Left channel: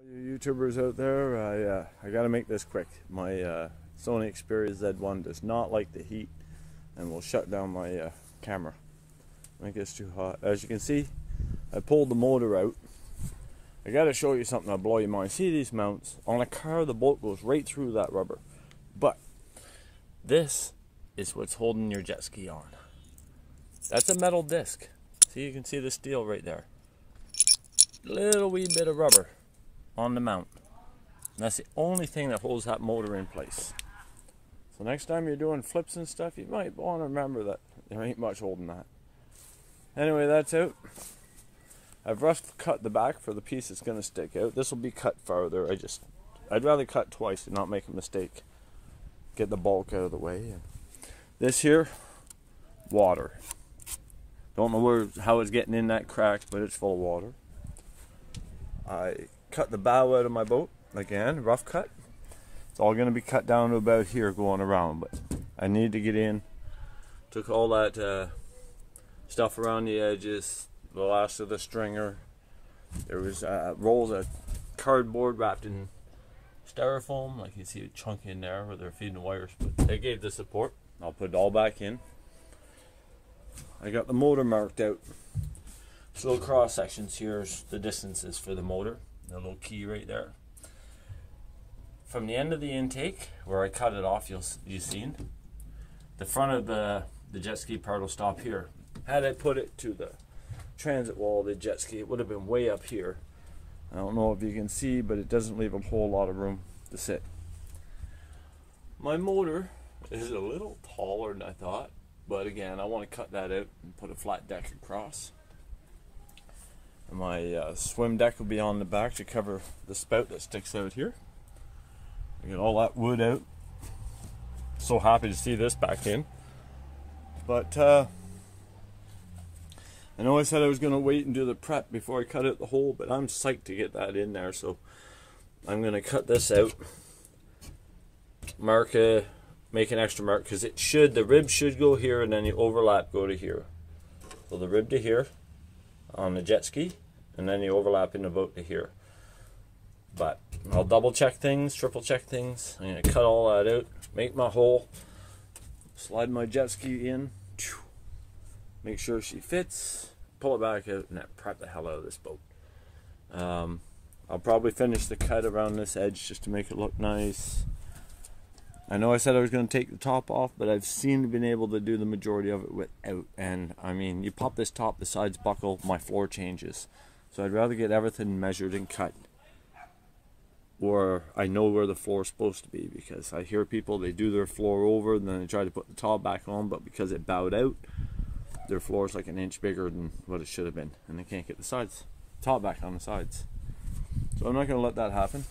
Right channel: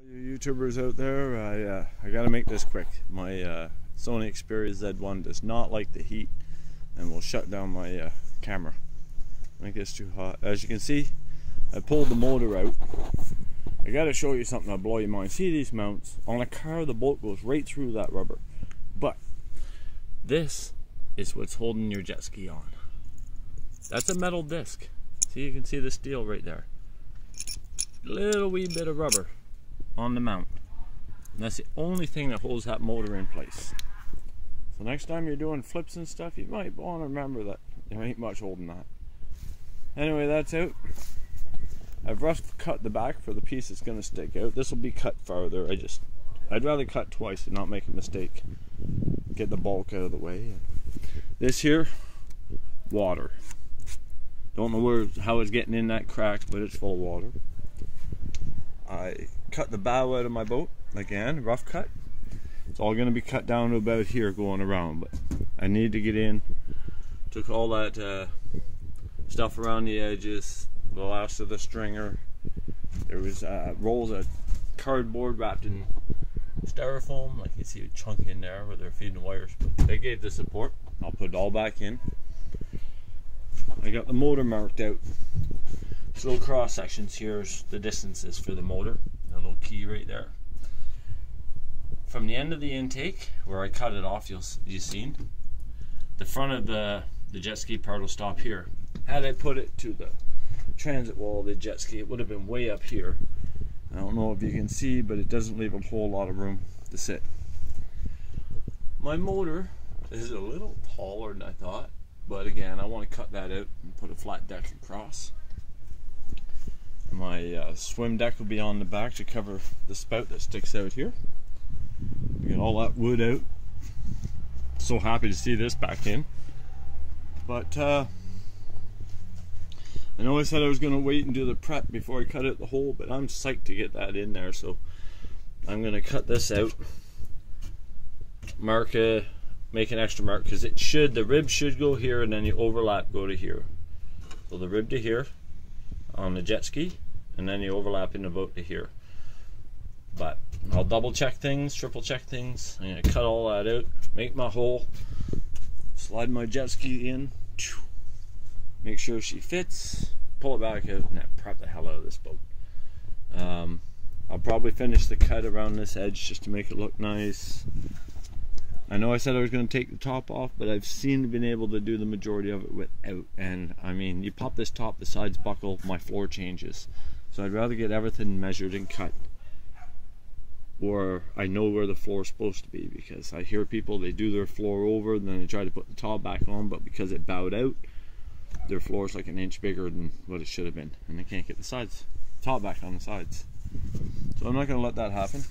All you YouTubers out there, I gotta make this quick. My Sony Xperia Z1 does not like the heat and will shut down my camera when it gets too hot. As you can see, I pulled the motor out. I gotta show you something that'll blow your mind. See these mounts? On a car, the bolt goes right through that rubber. But this is what's holding your jet ski on. That's a metal disc. See, you can see the steel right there. Little wee bit of rubber on the mount. And that's the only thing that holds that motor in place. So next time you're doing flips and stuff, you might want to remember that there ain't much holding that. Anyway, that's out. I've rough cut the back for the piece that's going to stick out. This will be cut farther. I'd rather cut twice and not make a mistake. Get the bulk out of the way. This here, water. Don't know how it's getting in that crack, but it's full of water. I cut the bow out of my boat again, rough cut. It's all going to be cut down to about here going around, but I need to get in. Took all that stuff around the edges, the last of the stringer. There was rolls of cardboard wrapped in styrofoam, like you see a chunk in there where they're feeding the wires, but they gave the support. I'll put it all back in. I got the motor marked out. This little cross sections here's the distances for the motor. A little key right there. From the end of the intake, where I cut it off, you've seen, the front of the jet ski part will stop here. Had I put it to the transit wall of the jet ski, it would have been way up here. I don't know if you can see, but it doesn't leave a whole lot of room to sit. My motor is a little taller than I thought, but again, I want to cut that out and put a flat deck across. My swim deck will be on the back to cover the spout that sticks out here. We got all that wood out. So happy to see this back in. But I know I said I was going to wait and do the prep before I cut out the hole, but I'm psyched to get that in there, so I'm going to cut this out. Make an extra mark, because the rib should go here and then the overlap go to here. So the rib to here on the jet ski, and then the overlap in the boat to here. But I'll double check things, triple check things. I'm going to cut all that out, make my hole, slide my jet ski in, make sure she fits, pull it back out, and then prep the hell out of this boat. I'll probably finish the cut around this edge just to make it look nice. I know I said I was going to take the top off, but I've been able to do the majority of it without. And I mean, you pop this top, the sides buckle, my floor changes. So I'd rather get everything measured and cut, or I know where the floor is supposed to be, because I hear people, they do their floor over and then they try to put the top back on, but because it bowed out, their floor is like an inch bigger than what it should have been, and they can't get the top back on the sides. So I'm not going to let that happen.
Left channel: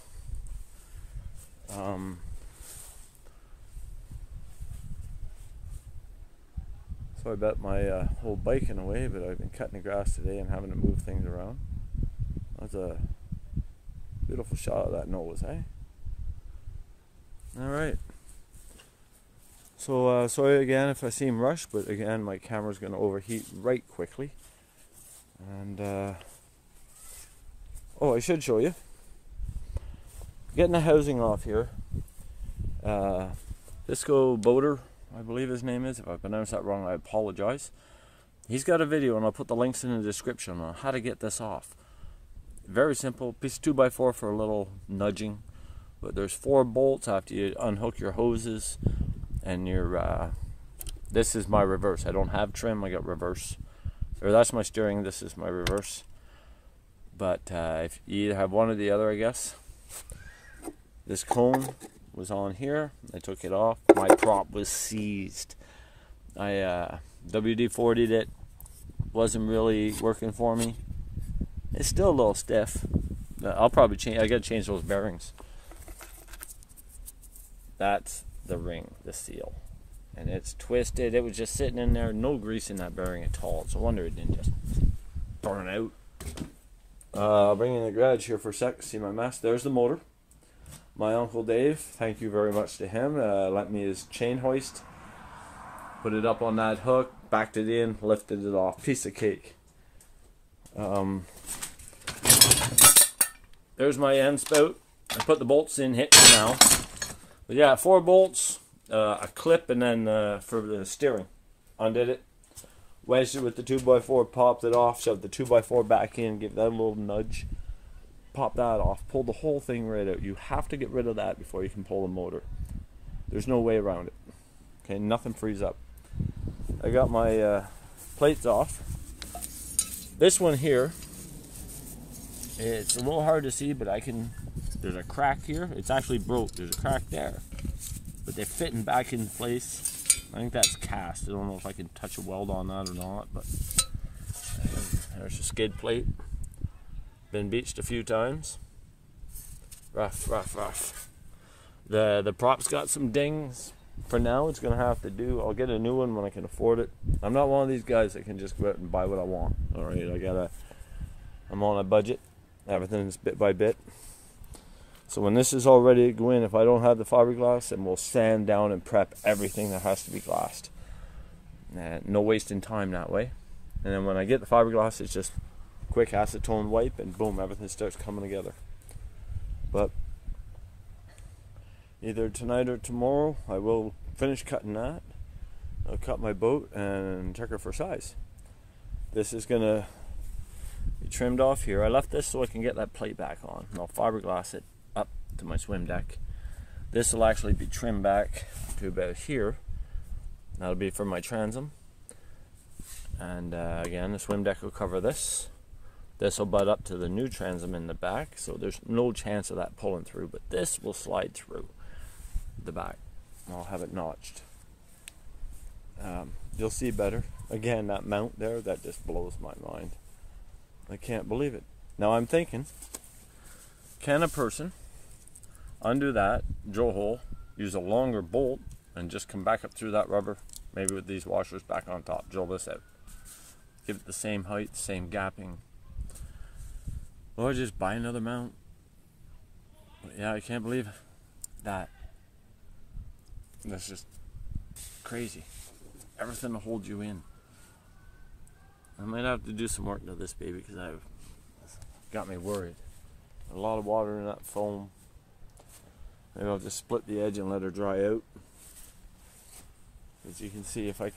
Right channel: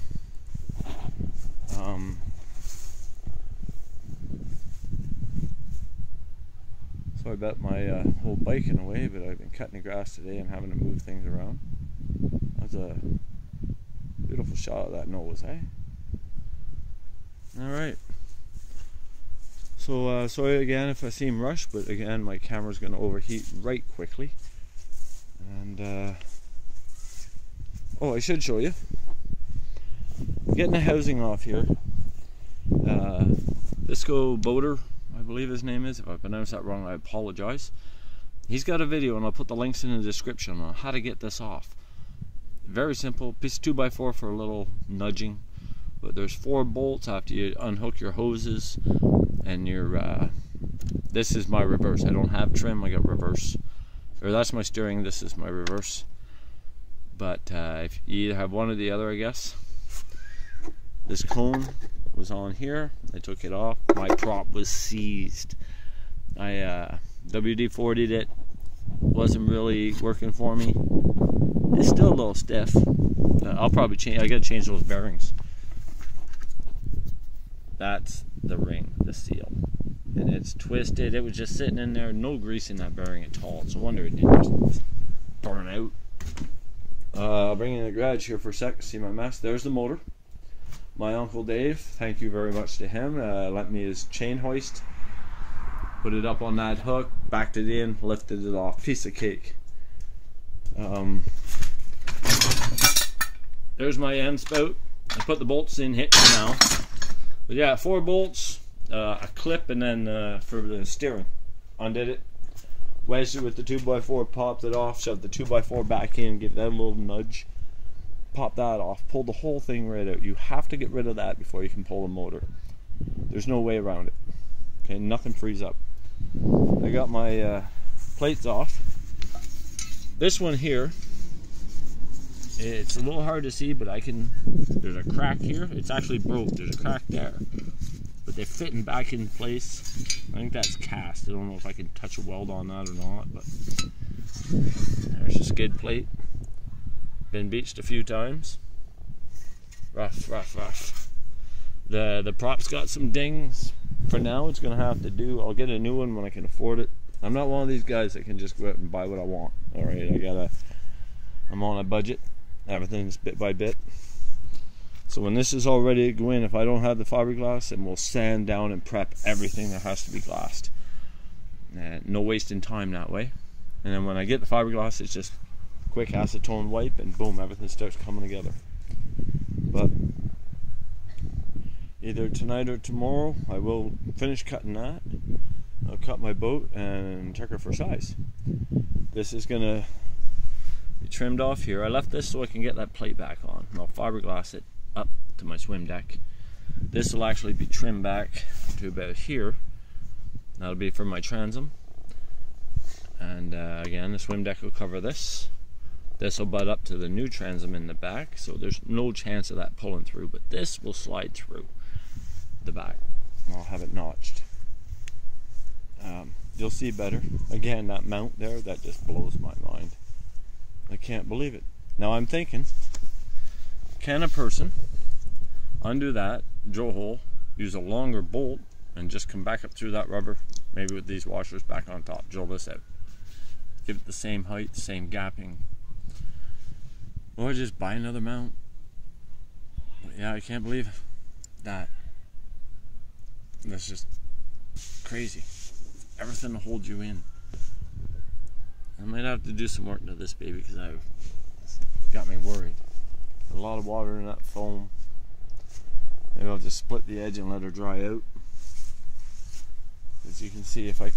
So I bet my whole bike in a way, but I've been cutting the grass today and having to move things around. That's a beautiful shot of that nose, eh? Alright. So sorry again if I seem rushed, but again my camera's going to overheat right quickly. And oh, I should show you. Getting the housing off here. FriscoBoater, I believe his name is. If I pronounced that wrong, I apologize. He's got a video, and I'll put the links in the description on how to get this off. Very simple. Piece of 2x4 for a little nudging. But there's 4 bolts after you unhook your hoses, and your this is my reverse. I don't have trim. I got reverse. Or that's my steering. This is my reverse. But if you either have one or the other, I guess. This cone was on here. I took it off. My prop was seized. I WD-40'd it. Wasn't really working for me. It's still a little stiff. I'll probably change. I gotta change those bearings. That's the ring, the seal, and it's twisted. It was just sitting in there, no grease in that bearing at all. It's a wonder it didn't burn out. I'll bring in the garage here for a sec. See my mess. There's the motor. My Uncle Dave, thank you very much to him, lent me his chain hoist, put it up on that hook, backed it in, lifted it off. Piece of cake. there's my end spout. I put the bolts in here now. But yeah, 4 bolts, a clip, and then for the steering. Undid it, wedged it with the 2x4, popped it off, shoved the 2x4 back in, give that a little nudge, pop that off, pull the whole thing right out. You have to get rid of that before you can pull the motor. There's no way around it. Okay, nothing frees up. I got my plates off. This one here, it's a little hard to see, but there's a crack here. It's actually broke. There's a crack there. But they're fitting back in place. I think that's cast. I don't know if I can touch a weld on that or not, but there's a skid plate. Been beached a few times. Rough, rough, rough. The prop's got some dings. For now, it's gonna have to do. I'll get a new one when I can afford it. I'm not one of these guys that can just go out and buy what I want. All right, I'm on a budget. Everything's bit by bit. So when this is all ready to go in, if I don't have the fiberglass, then we'll sand down and prep everything that has to be glassed. No wasting time that way. And then when I get the fiberglass, it's just quick acetone wipe, and boom, everything starts coming together. But either tonight or tomorrow, I will finish cutting that. I'll cut my boat and check her for size. This is gonna be trimmed off here. I left this so I can get that plate back on. And I'll fiberglass it up to my swim deck. This will actually be trimmed back to about here. That'll be for my transom. And again, the swim deck will cover this. This will butt up to the new transom in the back, so there's no chance of that pulling through, but this will slide through the back. I'll have it notched. You'll see better. Again, that mount there, that just blows my mind. I can't believe it. Now I'm thinking, can a person undo that, drill hole, use a longer bolt, and just come back up through that rubber, maybe with these washers back on top, drill this out. Give it the same height, same gapping. Or just buy another mount. But yeah, I can't believe that. That's just crazy. Everything to hold you in. I might have to do some work to this baby because it's got me worried. A lot of water in that foam. Maybe I'll just split the edge and let her dry out. As you can see, if I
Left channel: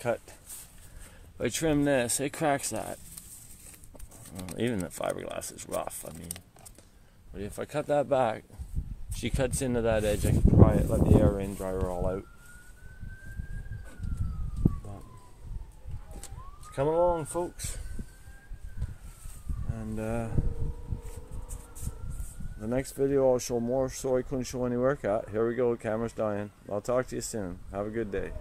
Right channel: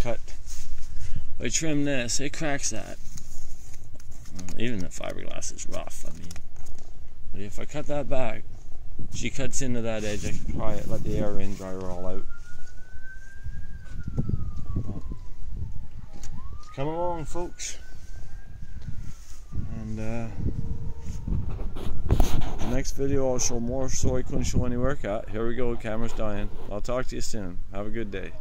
trim this, it cracks that. Well, even the fiberglass is rough. I mean, if I cut that back, she cuts into that edge, I can dry it, let the air in, dry her all out. But it's coming along, folks. And the next video I'll show more, so I couldn't show any work at. Here we go, camera's dying. I'll talk to you soon. Have a good day.